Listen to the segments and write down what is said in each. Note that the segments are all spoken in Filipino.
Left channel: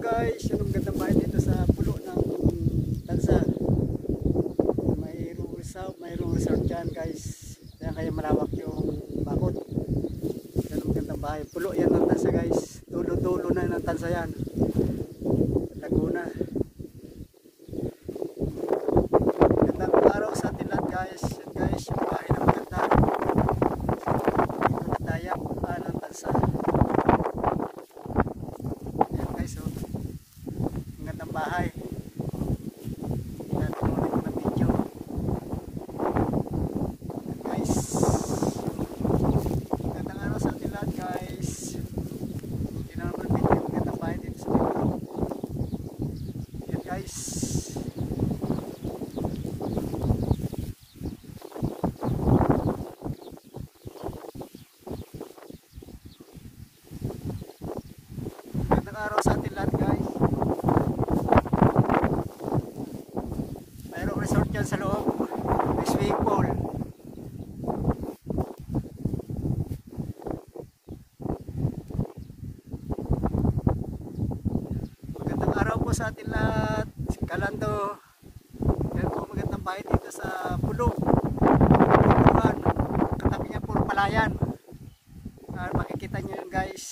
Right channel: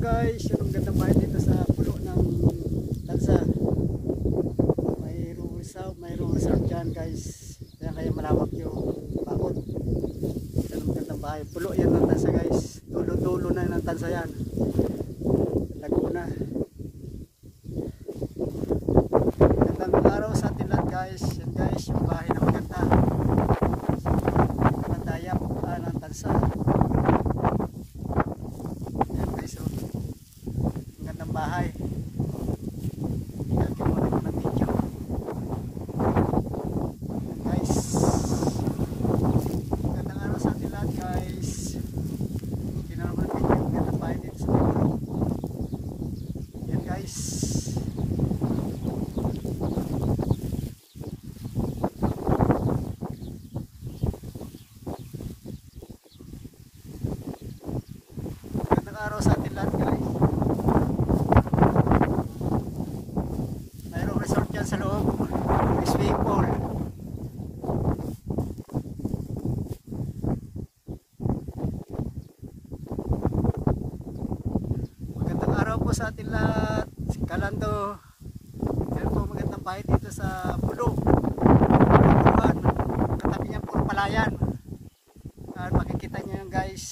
guys, yun ang gandang bahay dito sa pulo ng Tansa. Mayroong resort dyan guys. Kaya malawak yung bakod. Yan ang gandang bahay. Pulo yan ng Tansa guys. Dulo-dulo na ng Tansa yan. Laguna. Gandang araw sa atin lahat guys. Yan guys, yung bahay na maganda. Nakataya ng Tansa. Bahay. Natin muna ko na video. Guys. Gandang araw sa atin lahat guys. Tingnan naman video yung gandang bahay dito sa video. Yan guys. Gandang araw sa atin lahat guys. Sa loob, may swimming pool. Magandang araw po sa atin lahat. Si Kalando. Yan po magandang bahay dito sa pulo. Katabi niya puro palayan. Makikita niyo yun guys.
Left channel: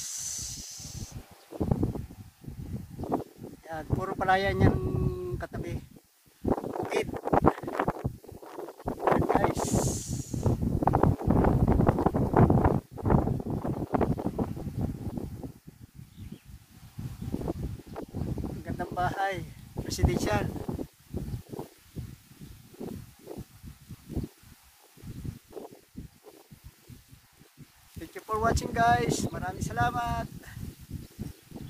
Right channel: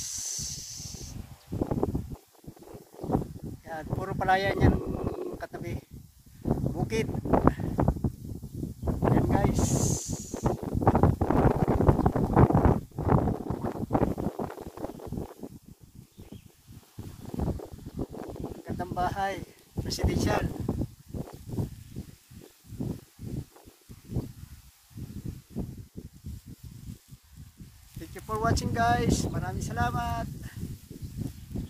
Yan, puro palayan yan katabi. Bukid. Magandang bahay, residential. Thank you for watching guys. Maraming salamat.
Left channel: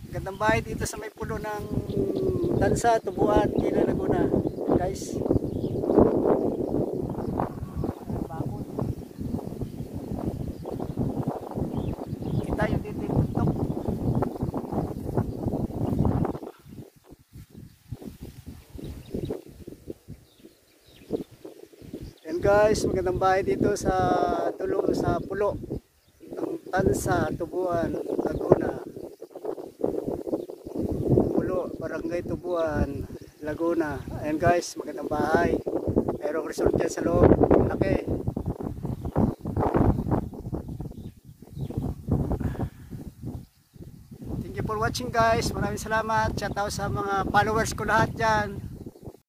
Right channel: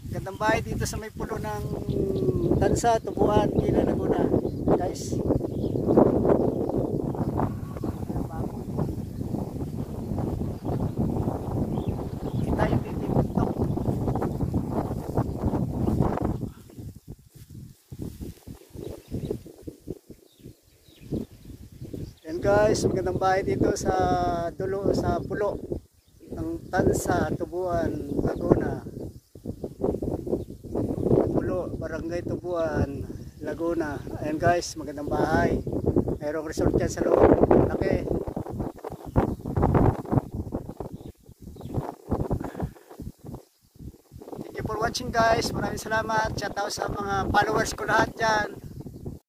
Magandang bahay dito sa may pulo ng Tansa, Tubuan, Quila, Laguna. Guys. Yan guys, magandang bahay dito sa dulo sa pulo ng Tansa, Tubuan, Laguna. Pulo, Barangay Tubuan, Laguna. Ayan guys, magandang bahay. Mayroong resort dyan sa loob. Malaki. Thank you for watching guys. Maraming salamat. Shout out sa mga followers ko lahat dyan.